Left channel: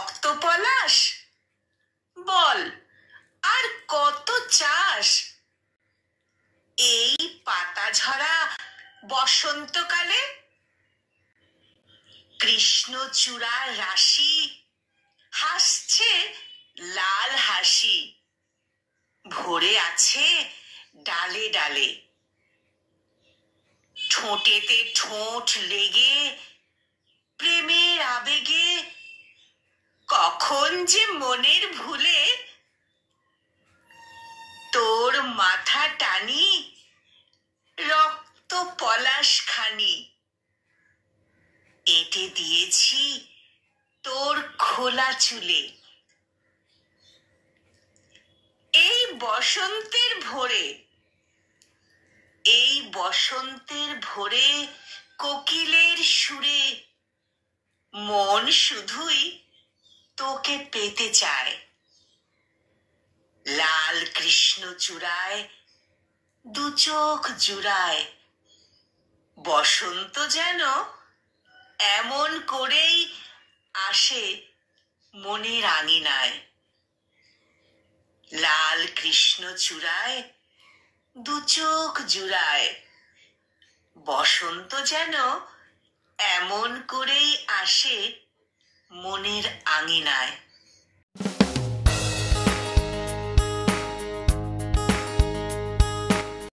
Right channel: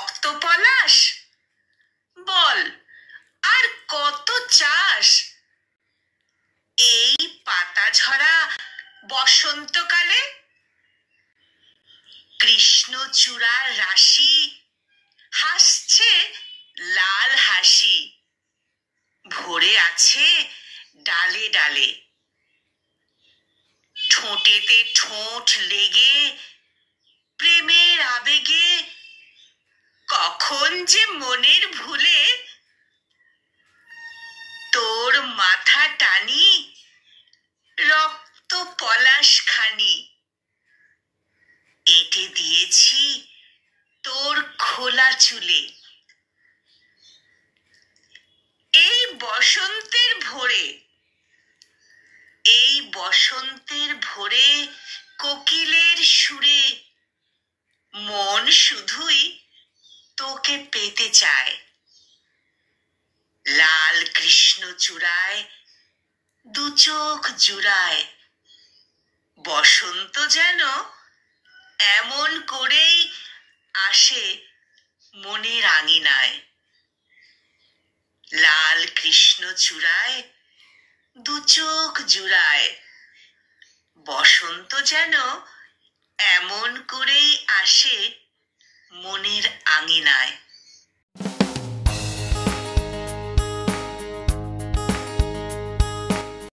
রক্ত পলাশ, বল আর কত চাস? এই পাতা ঝরা বসন্তকালে কৃষ্ণচূড়ার রাশি হাসছে লাল হাসি, ভরে আছে ডালে ডালে। ঠোঁটেতে ঠোঁট লেগে প্রেমের আবেগে কখন যে মনের ভুলে তোর মাথা টানি রক্ত পলাশ খানি, এঁটে দিয়েছি তোর খোলা চুলে। এই বসন্তের ভোরে, এই বসন্তের ভোরে কোকিলের সুরে মন শুধুই তোকে পেতে চায়। লাল কৃষ্ণচূড়ায় দু চোখ জুড়ায় বসন্ত যেন এমন করেই আসে মনের আঙিনায়। লাল কৃষ্ণচূড়ায় দু চোখ জুড়ায় বসন্ত যেন এমন করেই আসে মনের আঙিনায়।